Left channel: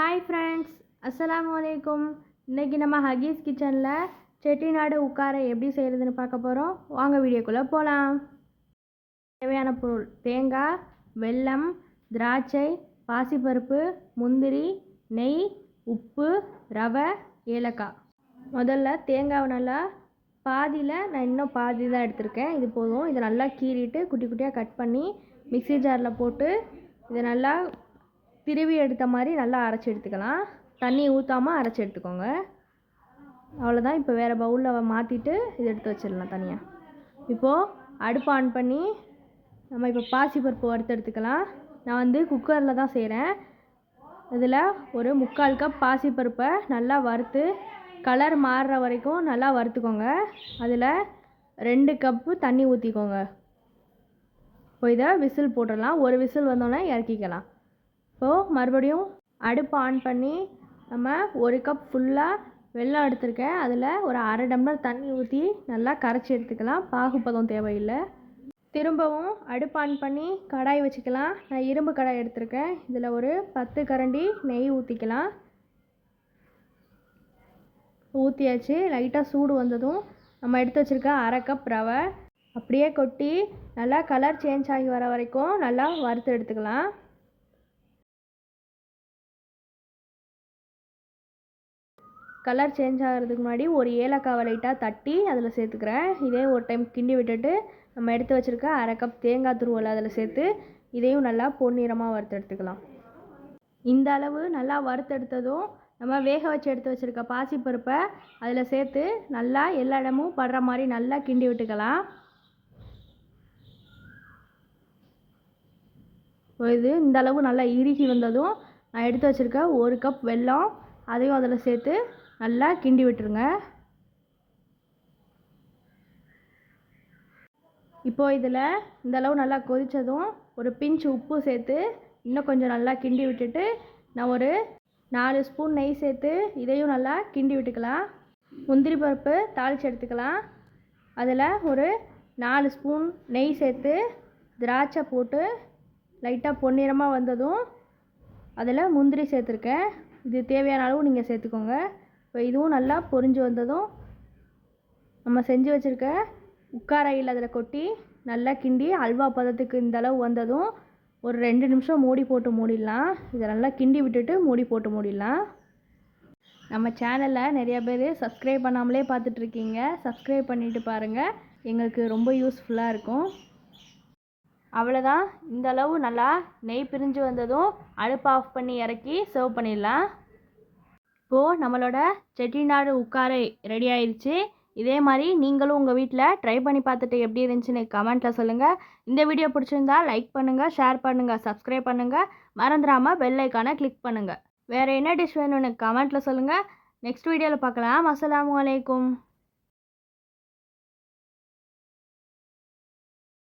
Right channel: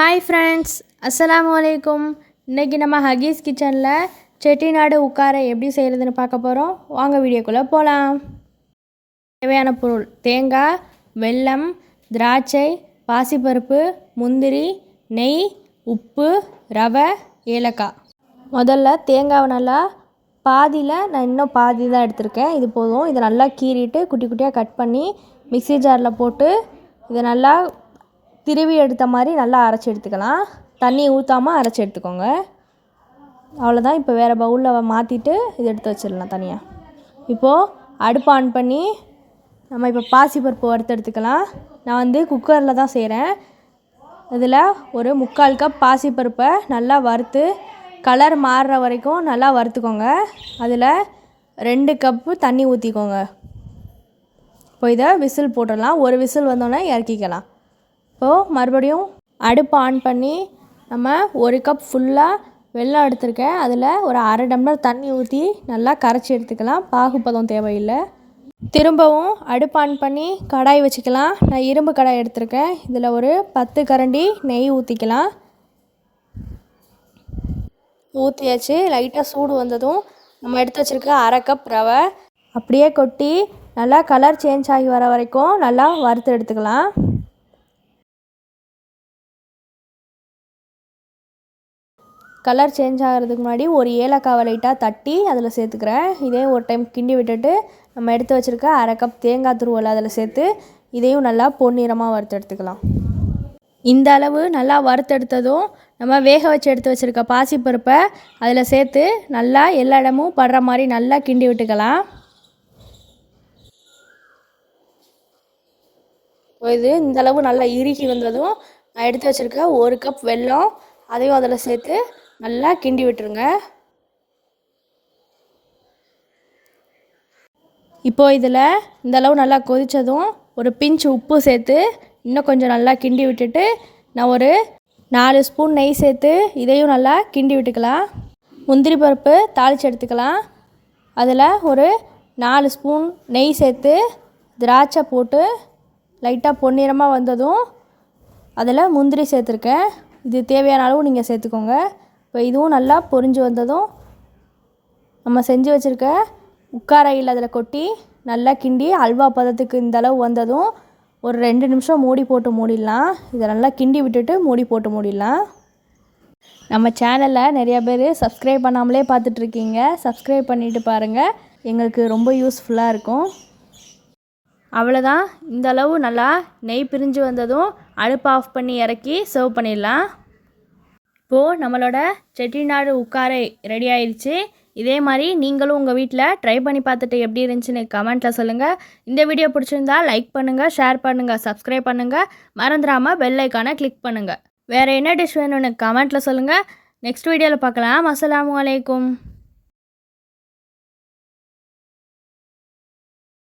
Hi friends, அஸ்ஸலாமு அலைக்கும். இன்றைக்கி நம்ம ஹகீஸ் கிச்சனில் செட்டிநாடு உட்கார எப்படி செய்கிறதுன்னு பார்க்க போகிறோம். வாங்க வீடியோக்குள்ளே போகலாம். தேவையான பொருள்: தேங்காய், வெல்லம், திராட்சை, பாசிப்பருப்பு, முந்திரி, நெய், உப்பு, ரவை, ஏலக்காய். முதல்ல தேங்காவை நல்லா நான் இன்னும் பாதி தான் எடுத்திருக்கேன், இது போதும். இதை நல்லா கீறிட்டு குட்டி குட்டியாக கட் பண்ணி மிக்ஸி ஜாரில் போட்டு இதை நல்லா திருவி எடுத்த மாதிரி நல்லா அரைச்சி எடுத்துக்கலாம். தண்ணி ஊற்றாமல் அரைச்சி எடுத்துக்கோங்க. அவ்வளோதான். இப்போ வேறு பவுலில் மாற்றிட்டு இதை எடுத்து வச்சிடலாம் தனியாக. இப்போது அடுப்பு ஆன் பண்ணி நம்ம இப்போ பாசிப்பருப்பு வறுத்து எடுத்துக்கலாம். நான் குக்கரில் தான் செய்கிறேன். இதில் ஒரு 3/4 கப் பாசிப்பருப்பை நல்லா வறுத்து கலர் மாறுற வரைக்கும் நல்லா வறுத்துக்கோங்க. அதில் 2 கப்பு தண்ணி ஊற்றிக்கோங்க. இப்போ இதை விசில் போட்டுடலாம். ஒரு விசில் வந்தோடனே இறக்கிக்கலாம். இப்போது மறுபடியும் அடுப்பு ஆன் பண்ணி நம்ம 1 கப் ஃபுல்லாக வெல்லம் எடுத்துருக்கேன். அதில் ஒரு 1/2 டம்ளர் தண்ணி ஊற்றி நல்லா கரைச்சி எடுத்துக்கலாம். பாகுப்பதம் தேவையில்லை. திரும்பவும் அடுப்பு ஆன் பண்ணி கடாய் வச்சுக்கலாம். நான் இரும்பு கடாய் எடுத்திருக்கேன். இதில் ஒரு 10 கரண்டி நெய் ஊற்றிக்கலாம். ஊற்றியாச்சு. லைட்டாக சூடு வந்ததும் நம்ம எடுத்து வச்சுருக்க 1/2 கப் ரவை அப்படியே கொட்டி நல்லா கலர் சேஞ்ச் ஆகி வர வரைக்கும் நல்லா வறுத்து எடுத்துக்கலாம். கலர் சேஞ்ச் ஆகிறதுக்கு முன்னாடி ஒரு ஏலக்காவை லைட்டாக தட்டி அதில் சேர்த்துக்கிறேன். இதே ஒரு டைம் கிண்டி விட்டுட்டு நம்ம எடுத்து வச்சுருக்க 1/2 கப் தேங்காய் துருவல் அதில் சேர்த்து இதையும் நல்லா பொன்னிறமாக வறுத்து எடுத்துக்கலாம். இந்த அளவு நல்லா வறுத்தெடுத்ததும் நம்ம வேக வச்சு எடுத்து வச்சுருக்க பாசிப்பருப்பை அதில் சேர்த்து நல்லா எல்லா இடமும் படுற மாதிரி நல்லா கிண்டி விட்டுக்கலாம். இது இந்த அளவு நல்லா இறுகி வந்ததும் நான் எடுத்து வச்சுருக்க 1 கப் வெல்லம் அதையும் அதில் சேர்த்து நல்லா கிண்டி விட்டுருங்க. இப்போது இதில் இந்த அளவு நல்லா கொதித்ததும் ஒரு பிஞ்ச் உப்பு சேர்த்து இன்னும் கொஞ்சம் நல்லா கிண்டி விட்டுட்டு நான் ஒரு 4 ஸ்பூன் நெய் சேர்த்து இதையும் நல்லா கிண்டி விட்டுக்கலாம். முந்திரி பருப்பு தாளித்து எடுத்துக்கலாம். அதில் ஒரு 4 ஸ்பூன் நெய் சேர்த்து திராட்சை போட்டு லைட்டாக பொன்னிறமாக வந்ததும் அதில் முந்திரி சேர்த்துருக்கேன். இது தேவையான அளவு நீங்கள் சேர்த்துக்கோங்க. இப்போ இதுவும் நல்லா பொரிஞ்சு வந்ததும் நம்ம செஞ்சு வச்சுருக்க உட்காரையில் அதில் கொட்டி நல்லா கிண்டி அல்வா பதத்துக்கு இந்த அளவு வந்ததும் ஒரு 2 நிமிஷம் மூடி போட்டு மூடிடலாம். இதை நல்லா கிண்டி விட்டுட்டு மூடி போட்டு மூடிடலாம். நம்ம சேனலில் நிறையா பேர் சப்ஸ்கிரைப் பண்ணாமலே பார்த்துட்ருக்கீங்க. சப்ஸ்கிரைப் பண்ணிவிட்டு பாருங்கள், எங்களுக்கு ரொம்ப யூஸ்ஃபுல்லாக இருக்கும். அவ்வளோதான். இந்த அளவு நல்லா நெய் பிரிஞ்சு வந்ததும் அடுப்பு ஆஃப் பண்ணி இறக்கி சர்வ் பண்ணிடலாம். இப்போது நம்மளோட செட்டிநாடு உட்காரை ரெடி ஆயிடுச்சு. இதே மாதிரி நீங்களும் உங்கள் வீட்டில் ட்ரை பண்ணி பார்த்துட்டு எப்படி இருந்துச்சுன்னு கமெண்ட்டில் சொல்லுங்கள். இந்த வீடியோ பிடிச்சிருந்தா லைக் பண்ணுங்கள், ஷேர் பண்ணுங்கள், சப்ஸ்கிரைப் பண்ணுங்கள். மறந்துடாமல் பெல் ஐக்கானை கிளிக் பண்ணுங்கள். வேறு என்ன டிஷ் வேணும்னு கமெண்ட்டில் சொல்லுங்கள். நெக்ஸ்ட் வீடியோவில் பார்க்கலாம். அஸ்ஸலாமு அலைக்கும்.